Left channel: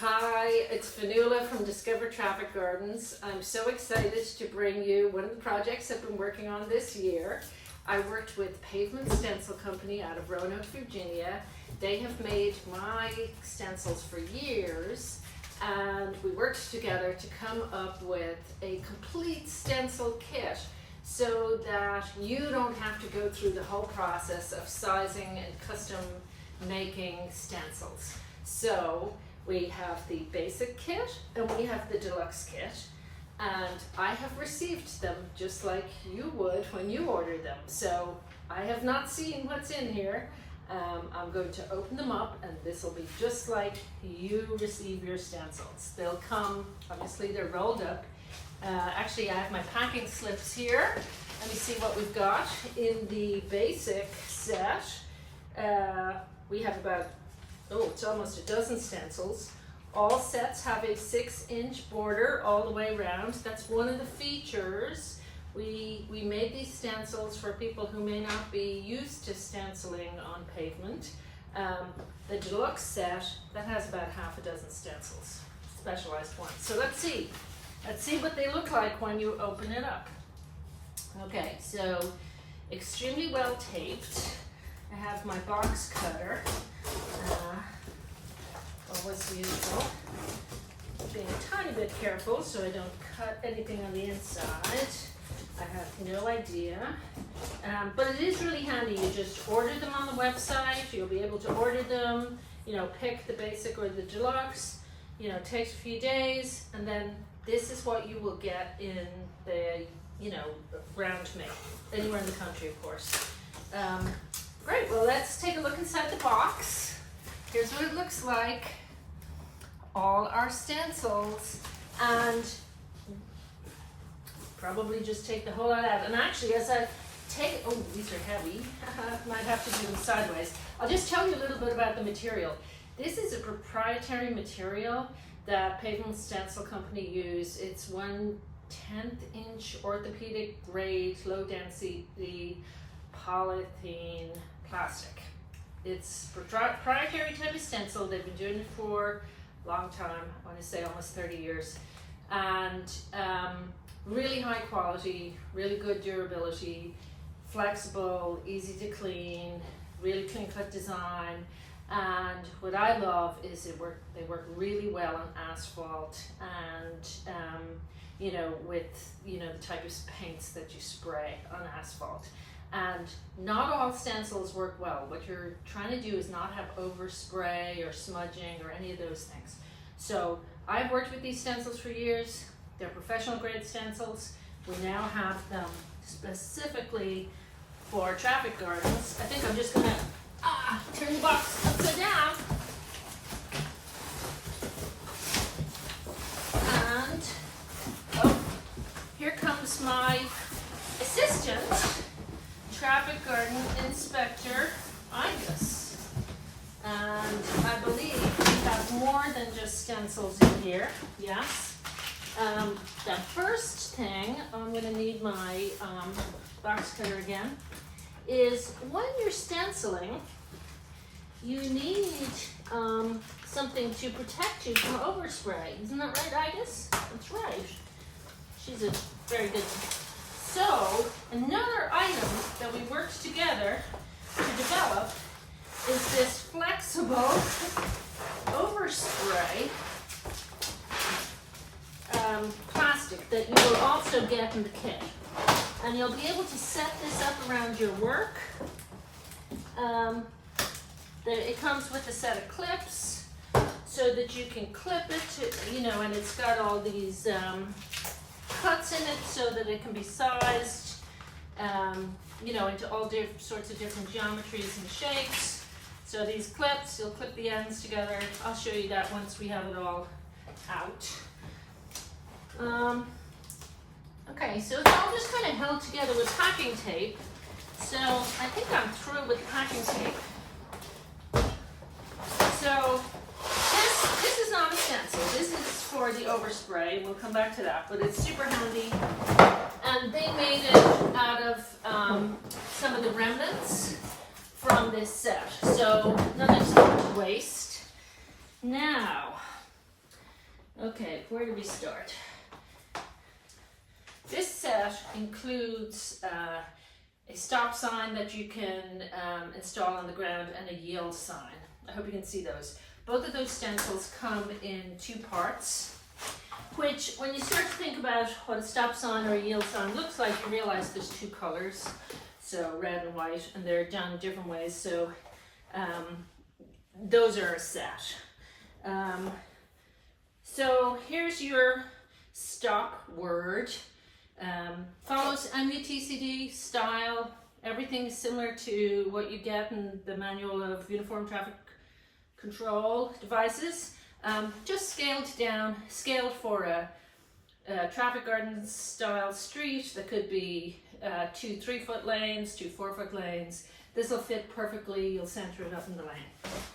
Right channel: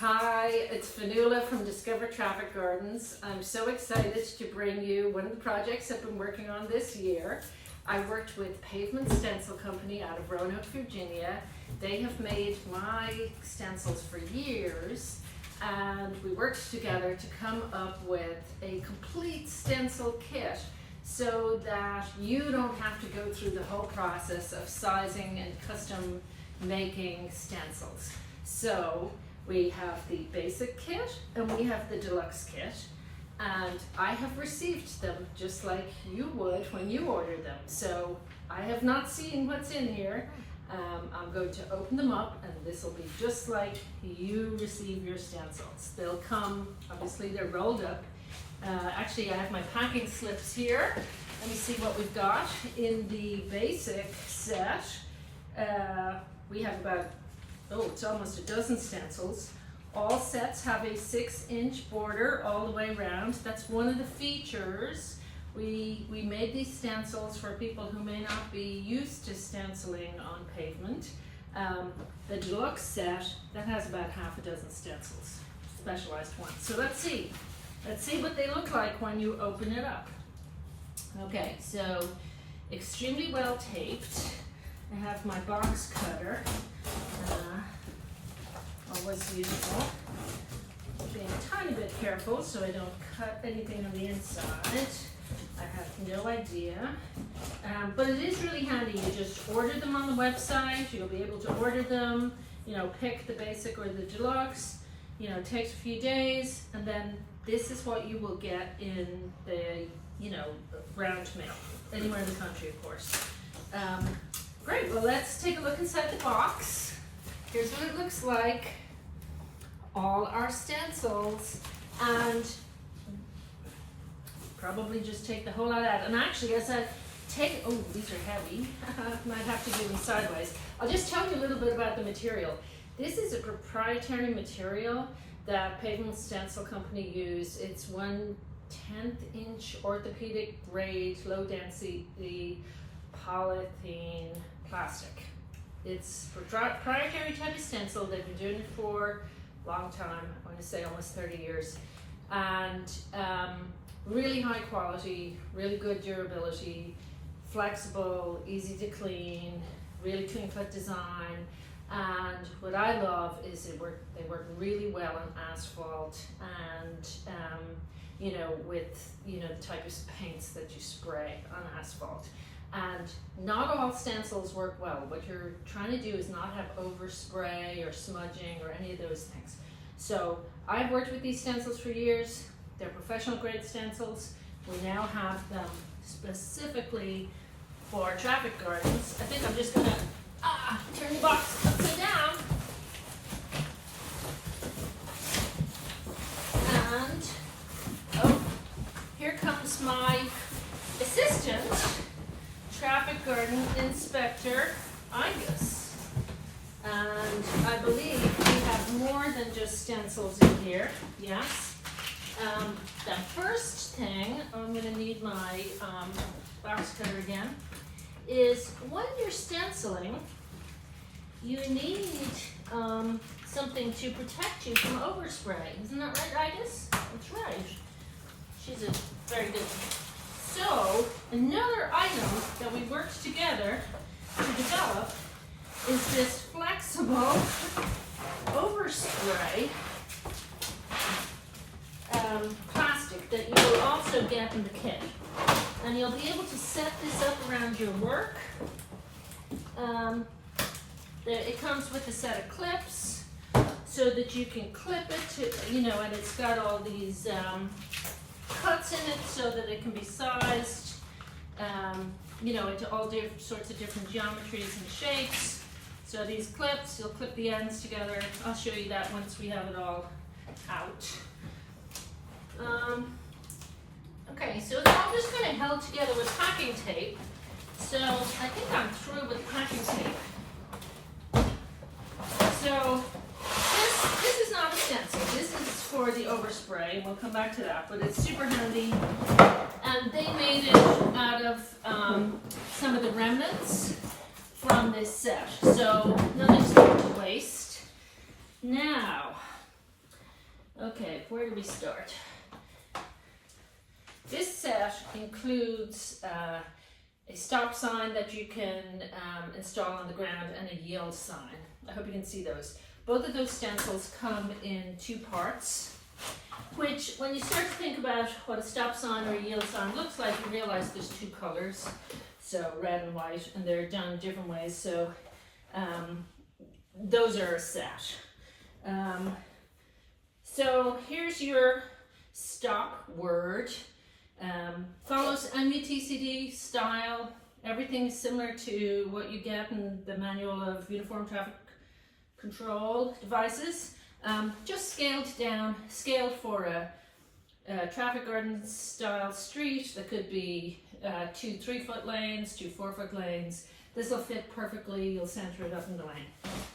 Hi, it's Fionnuala from Discover Traffic Gardens. I'm so excited to bring you one of the projects I've been working on this year. I worked with Pavement Stencil Company out of Roanoke, Virginia. They have made my stencils for years, and we worked together to come up with a complete stencil kit so that you don't have to go through the whole process of sizing and custom making stencils. So we have the basic kit and we have the deluxe kit, and I have received them just like you would when you order them. So I have not seen what's in here. I'm going to open them up, and this will be just like you receive your stencils. They'll come, obviously they're rolled up. Actually, I have my packing slips here. Let me see what we've got in the basic set. We have about, it's almost a dozen stencils. All sets have a 6-inch border all the way around. That's one of the features. We made these stencils for people who may not be used to stenciling on pavement. The deluxe set, that has about half a dozen stencils, specialized ones. So let's see what they look like when you open it up. Okay, so extremely well taped. I have my box cutter. Always useful. Being a tiny bit careful so I don't cut anything on the inside. I have no idea. But it is really handy. You just order them on the website. You'll be able to order them, pick the basic or the deluxe. It takes a few days, and then this is what you will get in the, round me. Anywhere in the country, of course. Great, well, let's take a look inside the box. Here's what it looks like. All our stencils, and probably just take the whole lot out. And actually, as I take, these are heavy. Might have to do them sideways. I'll just tell you a little bit about the material. This is a proprietary material that Pavement Stencil Company use. It's 1/10-inch orthopedic grade, low density polythene plastic. It's a proprietary type of stencil. They've been doing it for a long time. I want to say almost 30 years. And really high quality, really good durability, flexible, easy to clean, really clean cut design. And what I love is they work really well on asphalt and with the type of paints that you spray on asphalt. And not all stencils work well. What you're trying to do is not have overspray or smudging or any of those things. So I've worked with these stencils for years. They're professional grade stencils. We now have them specifically for traffic gardens. I think I'm just gonna turn the box upside down. And here comes my assistant, Traffic Garden Inspector Angus. And I believe we have more than just stencils in here. Yes. The first thing, I'm going to need my box cutter again, is when you're stenciling, you need something to protect you from overspray. Isn't that right, Angus? That's right. She's a very good one. So, another item that we worked together to develop is this flexible overspray plastic that you will also get in the kit. And you'll be able to set this up around your work. It comes with a set of clips so that you can clip it to, and it's got all these cuts in it so that it can be sized, into all sorts of different geometries and shapes. So these clips, you'll clip the ends together. I'll show you that once we have it all out. Okay, so it's all just kind of held together with packing tape. So I think I'm through with packing tape. So this is not a stencil. This is for the overspray, and we'll come back to that, but it's super handy. And they made it out of some of the remnants from this set. So nothing's going to waste. Now, Okay, where do we start? This set includes a stop sign that you can install on the ground and a yield sign. I hope you can see those. Both of those stencils come in 2 parts, which when you start to think about what a stop sign or a yield sign looks like, you realize there's 2 colors, so red and white, and they're done different ways, so those are a set. So here's your stop word. Follows MUTCD style. Everything's similar to what you get in the manual of uniform traffic control devices. Just scaled down, scaled for a traffic garden style street that could be 2 3-foot lanes, 2 4-foot lanes. This will fit perfectly. You'll center it up in the lane.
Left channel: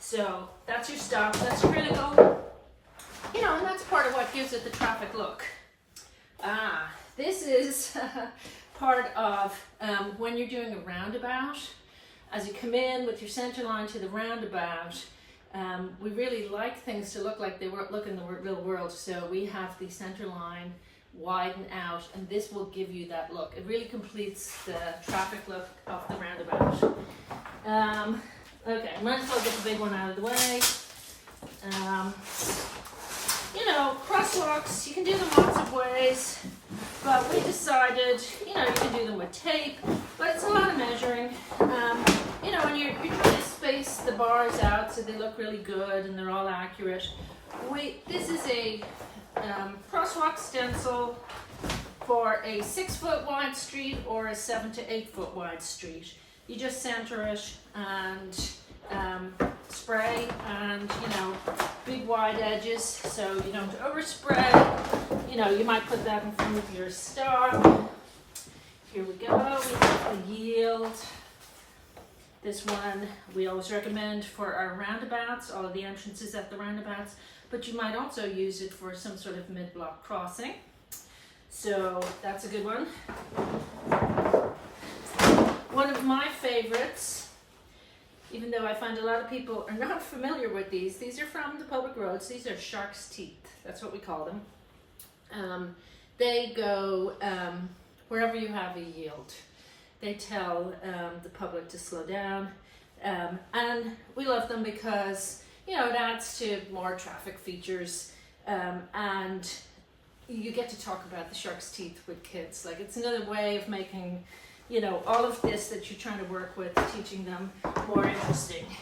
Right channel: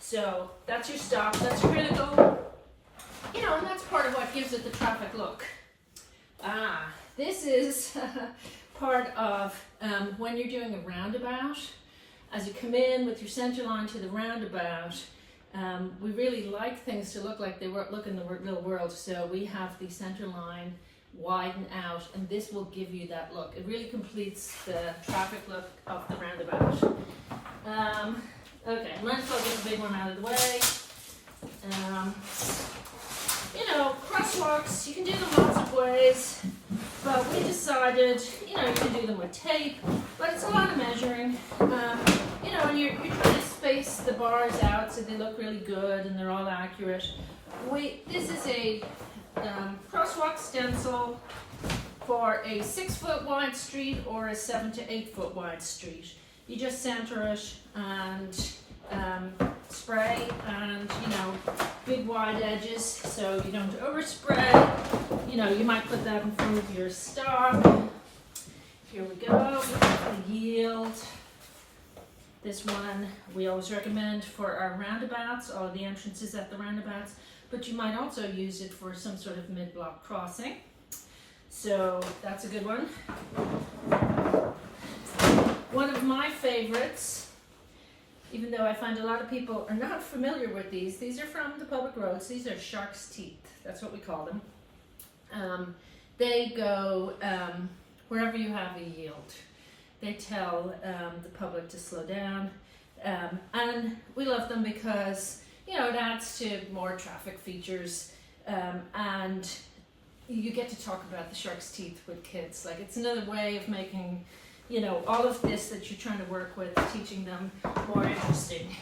So that's your stop. That's critical. You know, and that's part of what gives it the traffic look. This is part of when you're doing a roundabout. As you come in with your center line to the roundabout, we really like things to look like they look in the real world. So we have the center line widen out, and this will give you that look. It really completes the traffic look of the roundabout. Okay, might as well get the big one out of the way. You know, crosswalks, you can do them lots of ways, but we decided, you know, you can do them with tape, but it's a lot of measuring. You know, when you're trying to space the bars out so they look really good and they're all accurate. This is a crosswalk stencil for a 6-foot wide street or a 7 to 8 foot wide street. You just center it and spray, and you know, big wide edges so you don't overspray. You know, you might put that in front of your stop. Here we go. We have the yield. This one we always recommend for our roundabouts, all the entrances at the roundabouts, but you might also use it for some sort of mid-block crossing. So that's a good one. One of my favorites, even though I find a lot of people are not familiar with these are from the public roads. These are shark's teeth, that's what we call them. They go wherever you have a yield. They tell the public to slow down, and we love them because, you know, it adds to more traffic features, and you get to talk about the shark's teeth with kids. Like, it's another way of making, you know, all of this that you're trying to work with, teaching them more interesting.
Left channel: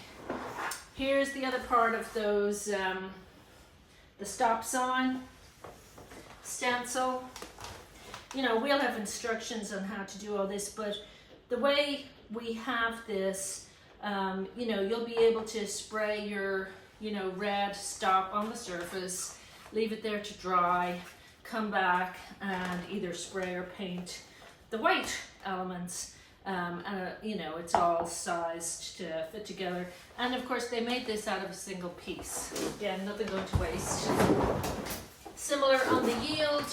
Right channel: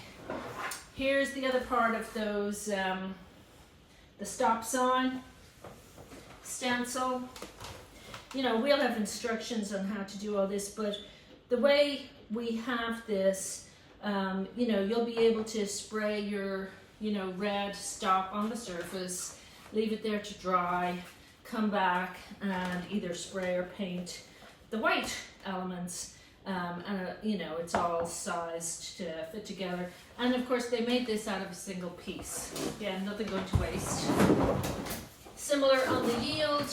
Here's the other part of those, the stop sign stencil. You know, we'll have instructions on how to do all this, but the way we have this, you know, you'll be able to spray your, you know, red stop on the surface, leave it there to dry, come back and either spray or paint the white elements. And you know, it's all sized to fit together. And of course they made this out of a single piece. Again, nothing going to waste. Similar on the yield.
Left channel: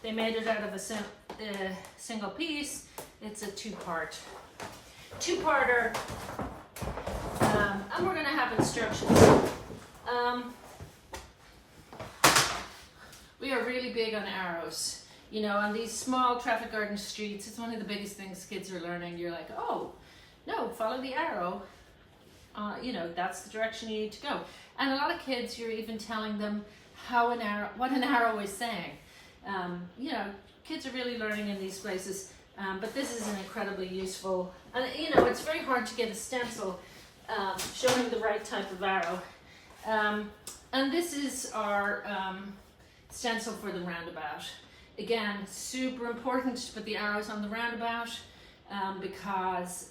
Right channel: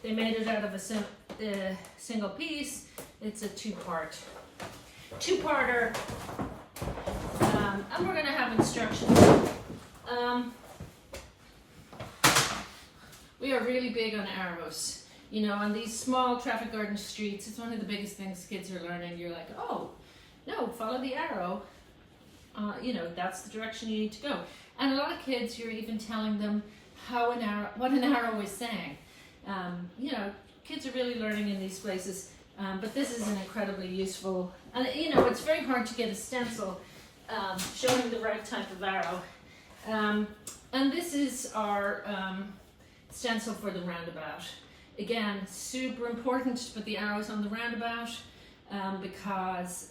They made it out of a single piece. It's a two-parter. And we're gonna have instructions. We are really big on arrows. You know, on these small traffic garden streets, it's one of the biggest things kids are learning. You're like, oh, no, follow the arrow. You know, that's the direction you need to go. And a lot of kids, you're even telling them what an arrow is saying. You know, kids are really learning in these places, but this is an incredibly useful, and you know, it's very hard to get a stencil showing the right type of arrow. And this is our stencil for the roundabout. Again, super important to put the arrows on the roundabout because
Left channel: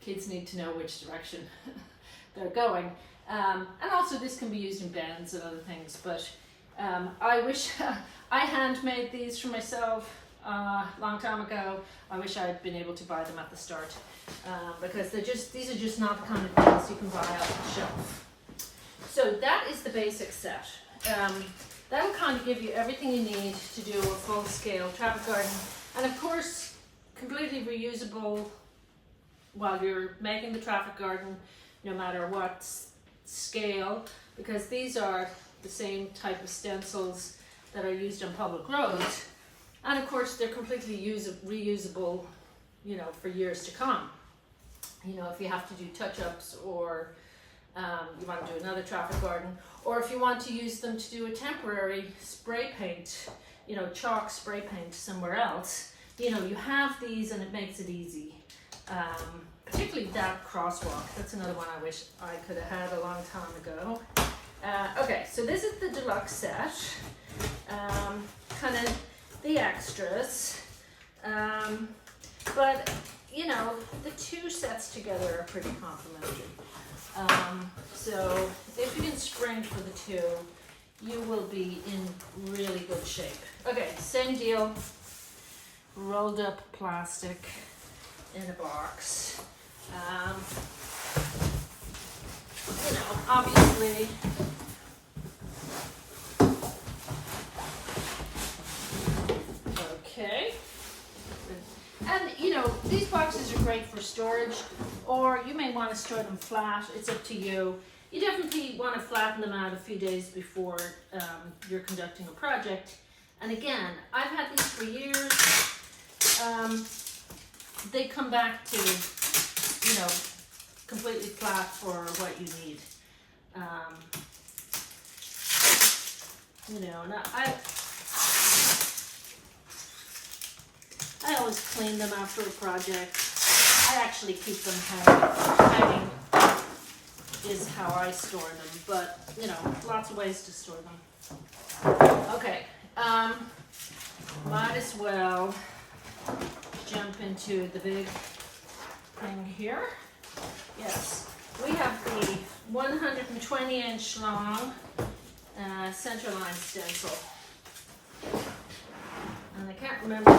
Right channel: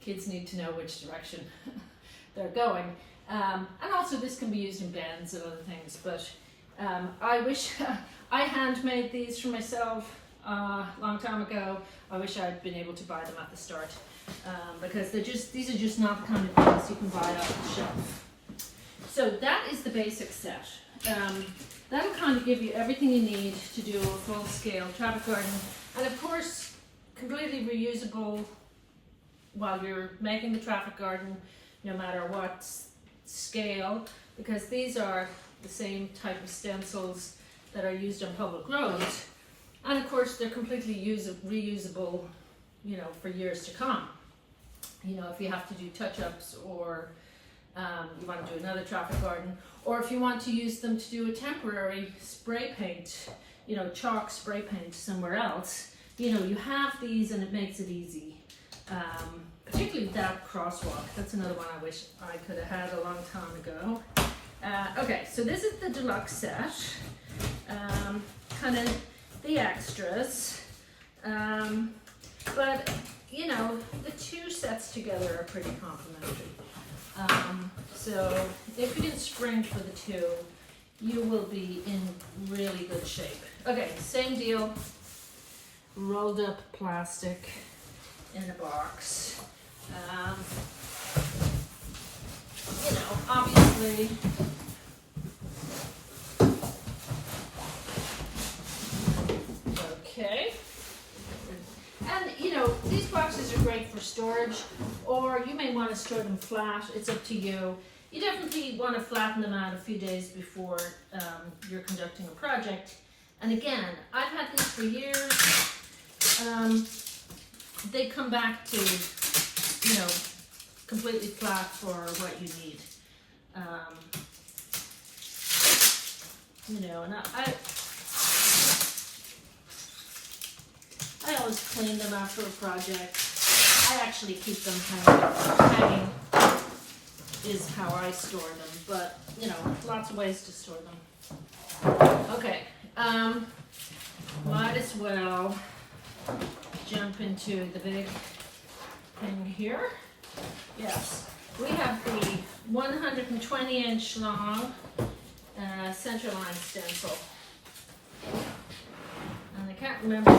kids need to know which direction they're going. And also this can be used in bends and other things, but I wish I handmade these for myself a long time ago. I wish I'd been able to buy them at the start because these are just not the kind of things you can buy off the shelf. So that is the basic set. That'll kind of give you everything you need to do a full-scale traffic garden, and of course completely reusable while you're making the traffic garden, no matter what scale, because these are the same type of stencils that are used on public roads. And of course, they're completely reusable, you know, for years to come. You know, if you have to do touch-ups, or you want to do another traffic garden, or if you want to use them to do a temporary spray paint, you know, chalk spray paint somewhere else, you know, you have these and it makes it easy. Particularly that crosswalk. That's another one I wish I could have had a long time ago. Okay, so this is the deluxe set. Kind of the extras. But, you know, the two sets together are pretty complimentary. So if you can spring for the two, you will be in really good shape. Okay, same deal. Rolled up plastic in a box. You know, obviously, okay. And you know, these boxes are great for storage, or you may want to store them flat. It's up to you. You definitely want to flatten them out a few days before you're conducting a project. And again, I've had these for years. They come back to, you know, completely flat for what you need. You know, and I always clean them after a project. I actually keep them hanging is how I store them, but you know, lots of ways to store them. Okay, might as well jump into the big thing here. Yes, we have the 120-inch long centerline stencil, and I can't remember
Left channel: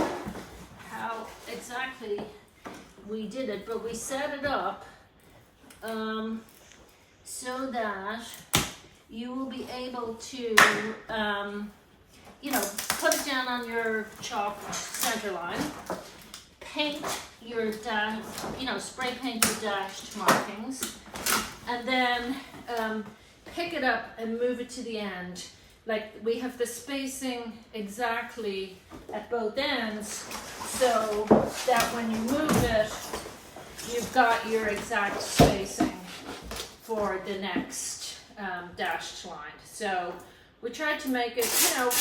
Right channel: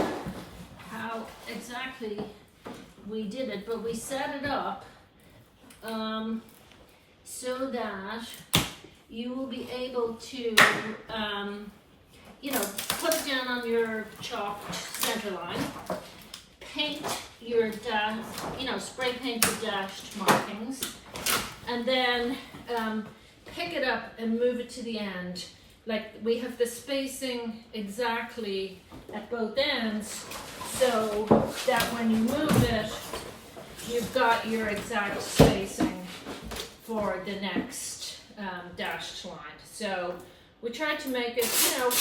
how exactly we did it, but we set it up so that you will be able to, you know, put it down on your chalked center line, paint your you know, spray paint your dashed markings, and then pick it up and move it to the end. Like, we have the spacing exactly at both ends, so that when you move it, you've got your exact spacing for the next dashed line. So we tried to make it, you know,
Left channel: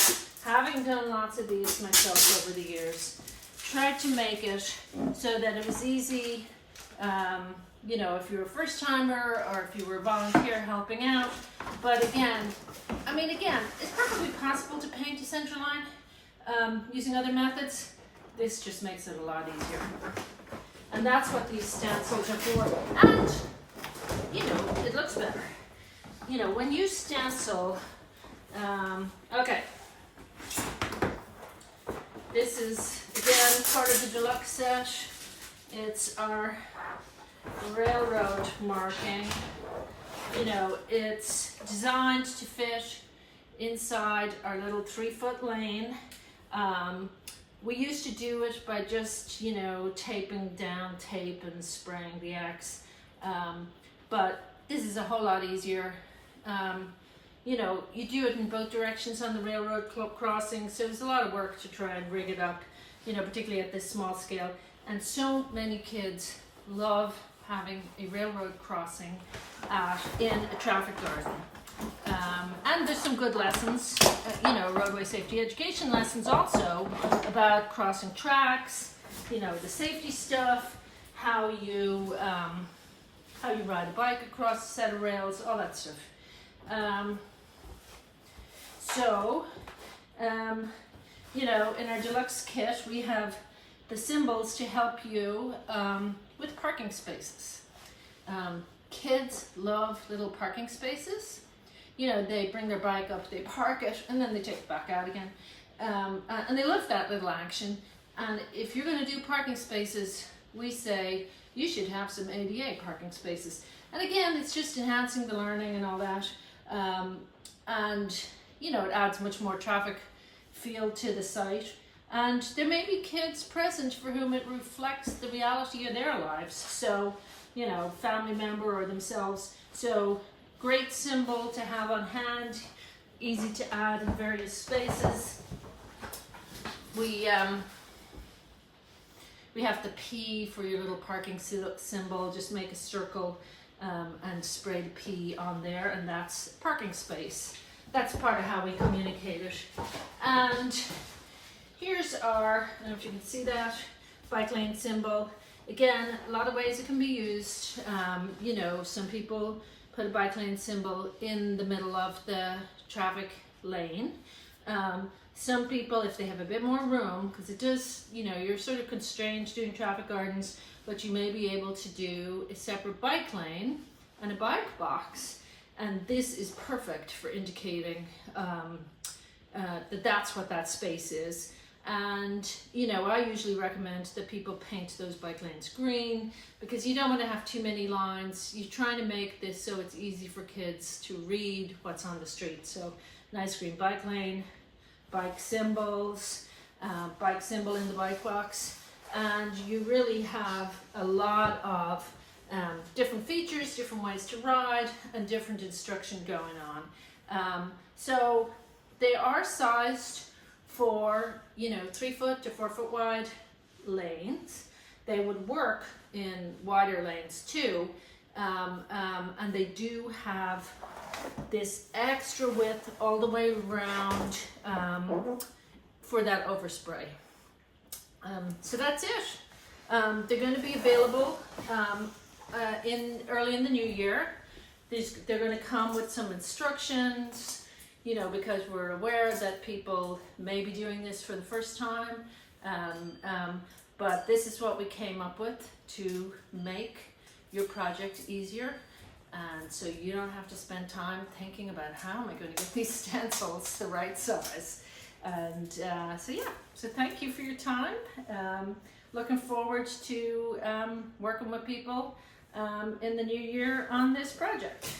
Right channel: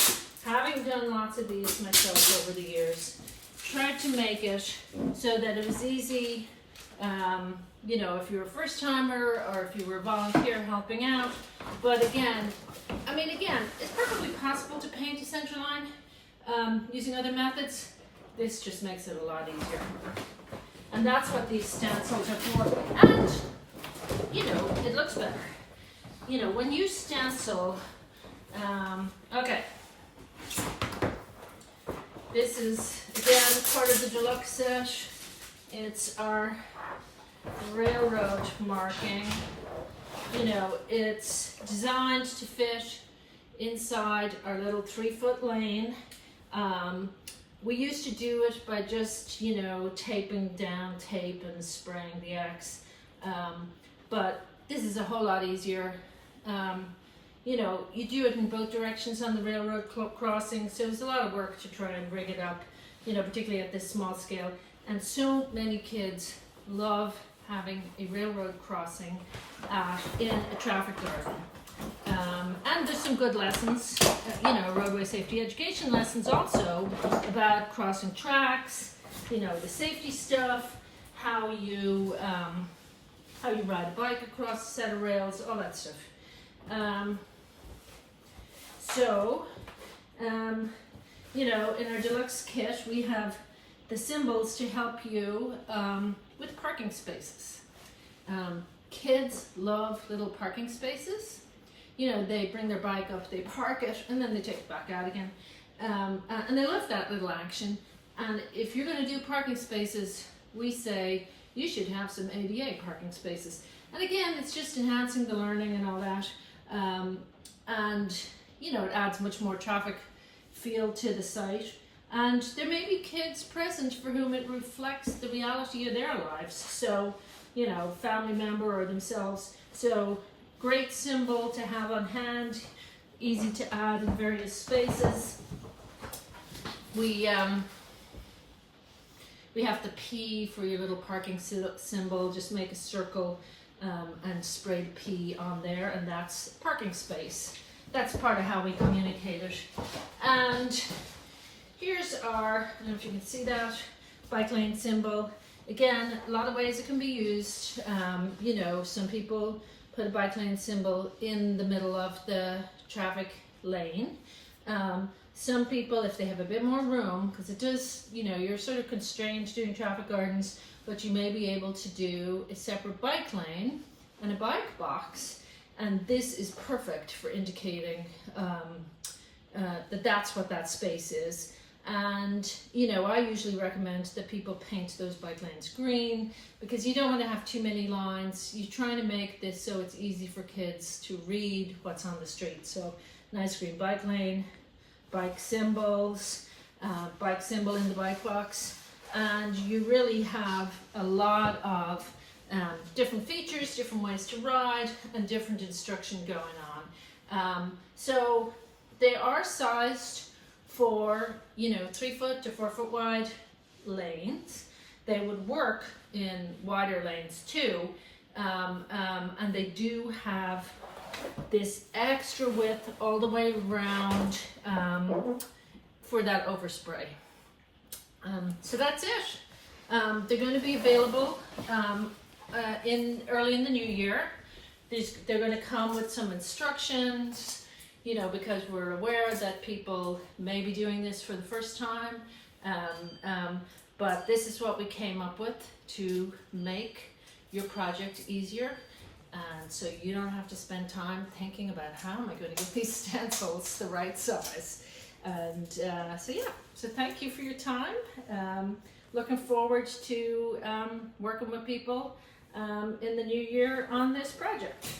having done lots of these myself over the years, tried to make it so that it was easy, you know, if you were a first timer or if you were a volunteer helping out. But again, I mean, again, it's perfectly possible to paint a center line using other methods. This just makes it a lot easier. And that's what these stencils are for. And, you know, it looks better. You know, when you stencil, okay. This is, again, part of the deluxe set. It's our railroad marking. You know, it's designed to fit inside our little 3-foot lane. We used to do it by just, you know, taping down tape and spraying the X. But this is a whole lot easier. You know, you do it in both directions on the railroad crossing, so it's a lot of work to try and rig it up, you know, particularly at this small scale. And so many kids love having a railroad crossing in a traffic garden. And there's some good lessons, you know, roadway safety education lessons also about crossing tracks, you know, the safety stuff, how you ride a bike across a set of rails, all that stuff. You know, in our deluxe kit, we have the symbols to help you with parking spaces. Kids love little parking spaces. You know, they bring their bike up, they park it, and then they take it back out again. And they love that little action. And if you're going to do parking spaces, we say you should have some ADA parking spaces. And again, it's just enhancing the learning and all that. And, you know, it adds much more traffic feel to the site. And there may be kids present for whom it reflects the reality of their lives. So, you know, family member or themselves. So, great symbol to have on hand. easy to add in various spaces. We have the P for your little parking symbol. Just make a circle and spray the P on there, and that's parking space. That's part of how we communicate it. And here's our, I don't know if you can see that, bike lane symbol. Again, a lot of ways it can be used. You know, some people put a bike lane symbol in the middle of the traffic lane. Some people, if they have a bit more room, because it does, you know, you're sort of constrained doing traffic gardens, but you may be able to do a separate bike lane and a bike box. And this is perfect for indicating that that's what that space is. And, you know, I usually recommend that people paint those bike lanes green, because you don't want to have too many lines. You're trying to make this so it's easy for kids to read what's on the street. So nice green bike lane, bike symbols, bike symbol in the bike box. And you really have a lot of different features, different ways to ride, and different instruction going on. So they are sized for, you know, 3 foot to 4 foot wide lanes. They would work in wider lanes too. And they do have this extra width all the way around for that overspray. So that's it. They're going to be available early in the new year. They're going to come with some instructions, you know, because we're aware that people may be doing this for the first time. But this is what we came up with to make your project easier. And so you don't have to spend time thinking about how am I going to get these stencils the right size. And so yeah, so thank you for your time. Looking forward to working with people in the new year on this project.